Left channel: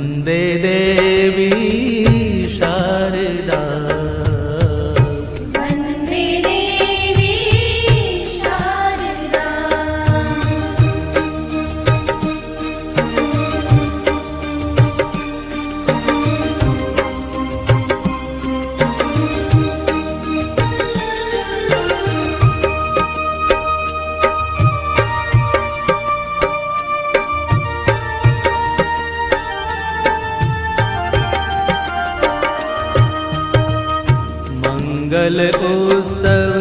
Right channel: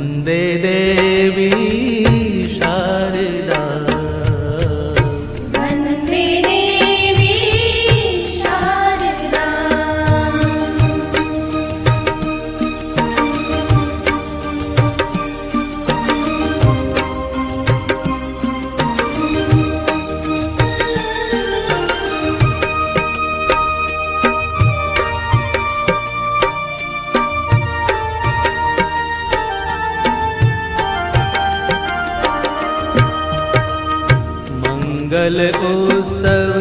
वन्दे देवी शारदा वन्दे देवी शारदा मंगल उत्सव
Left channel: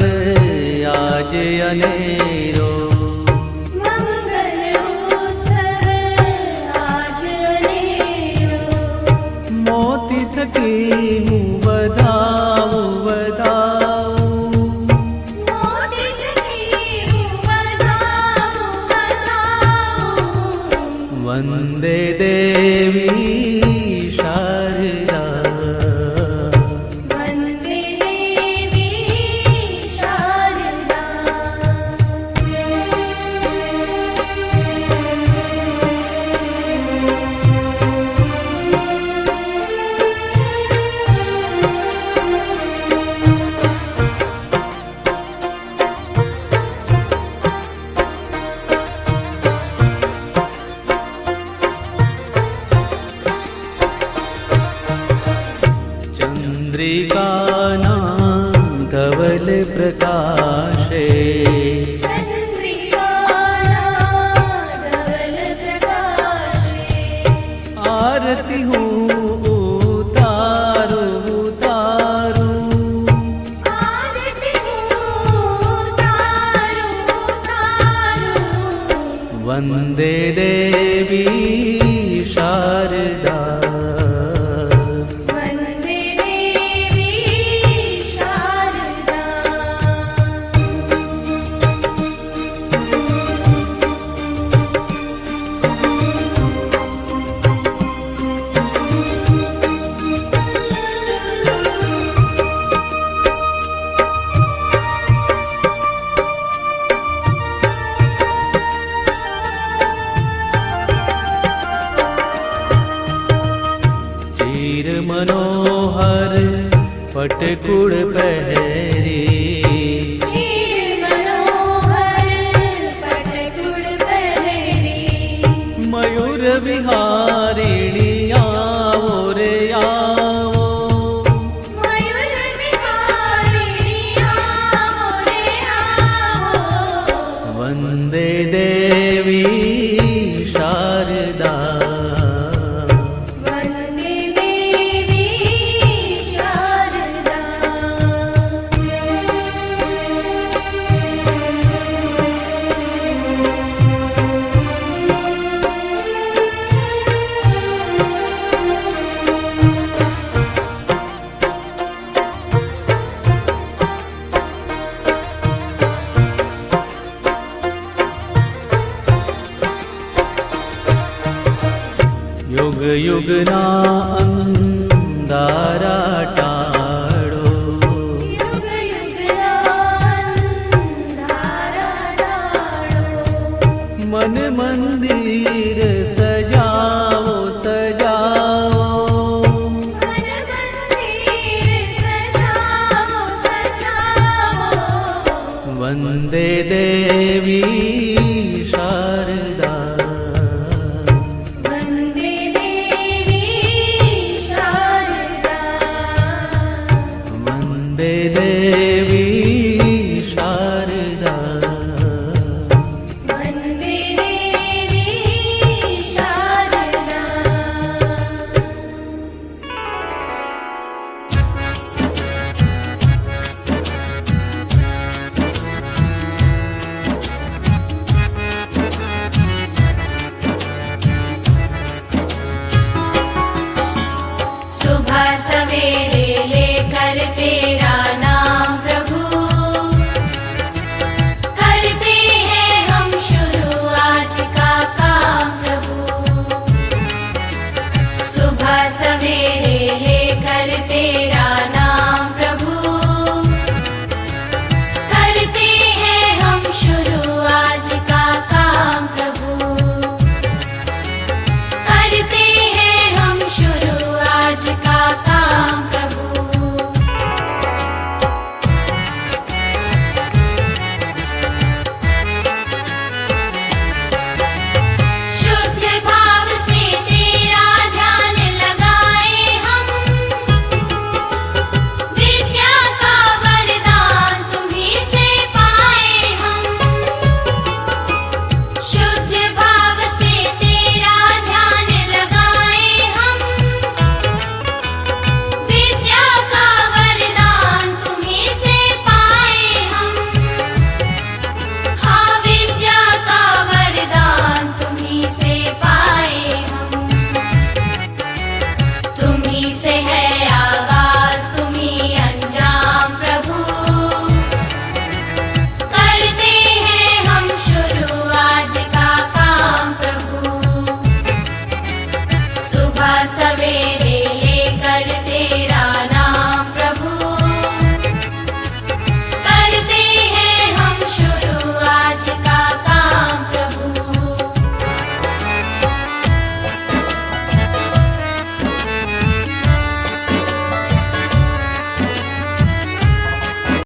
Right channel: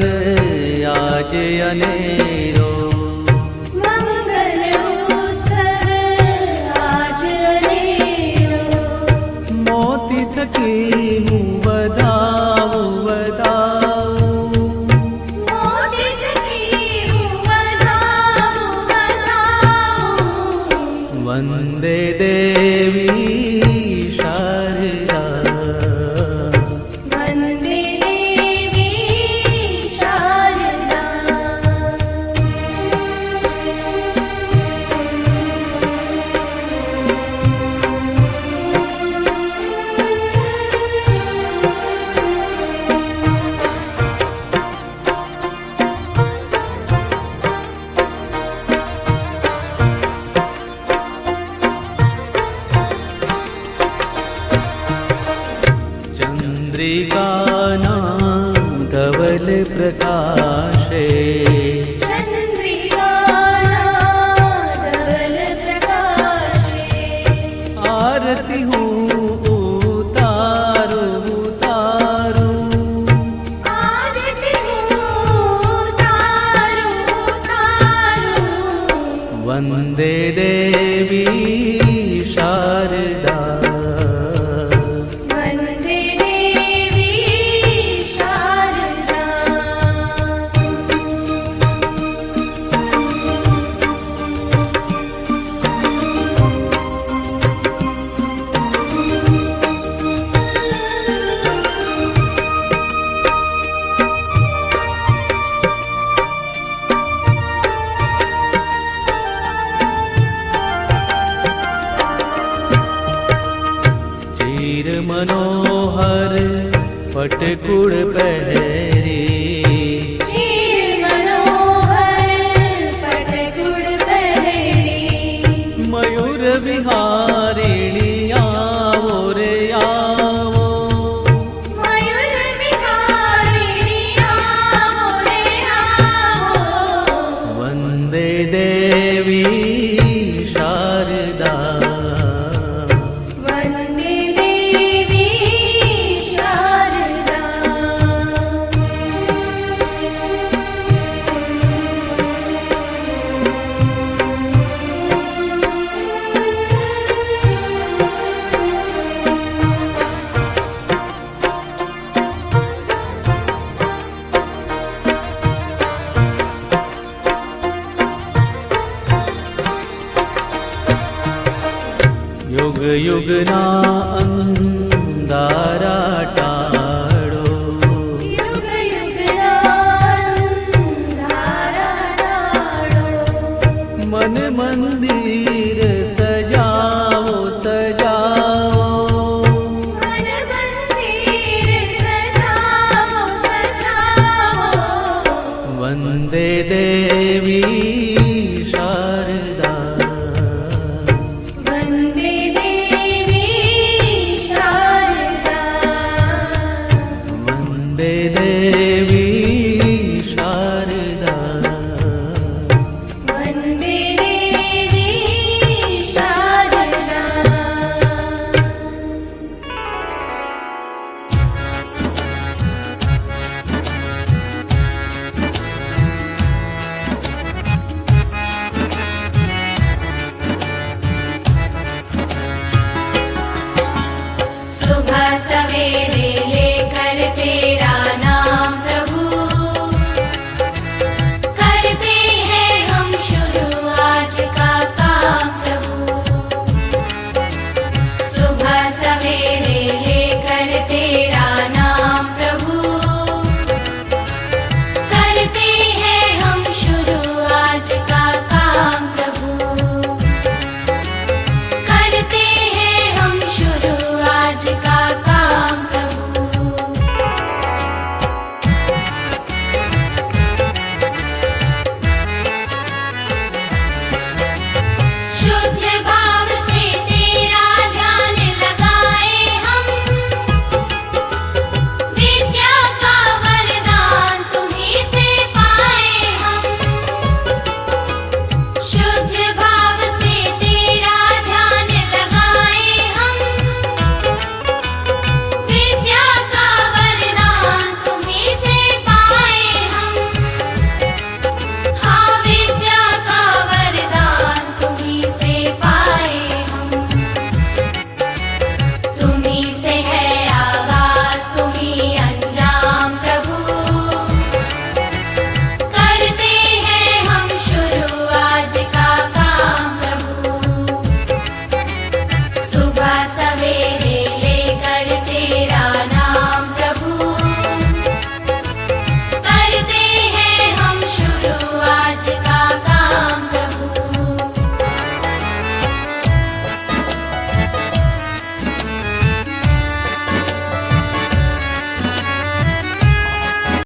आज अनेरो मंगल उत्सव आज अनेरो मोती थकी हूँ बधाऊं बधाऊं मोती थकी हूँ बधाऊं बधाऊं वन्दे देवी शारदा वन्दे देवी शारदा चन्द्रिका धवल प्रकाशे चन्द्रिका धवल प्रकाशे आरती हूँ उतारू उतारू आरती हूँ तारू तारू वन्दे देवी शारदा वन्दे देवी शारदा चीर मनोहर पटकुड़ पहरी चीर मनोहर पटकुड़ पहरी मयूर विहारिणी आवो रे आवो मयूर विहारिणी आओ रे आओ वन्दे देवी शारदा वन्दे देवी शारदा युग युग ना अंधारा टाळो युग युग अंधारा टाळो मन मंदिर सजावो सजावो मन मंदिर सजाओ सजाओ वन्दे देवी शारदा वन्दे देवी शारदा वन्दे देवी शारदा वन्दे देवी शारदा सुबह सवेरे लेकर तेरा नाम प्रभु करते हैं हम शुरू आज का काम प्रभु सुबह सवेरे लेकर तेरा नाम प्रभु करते हैं हम शुरू आज का काम प्रभु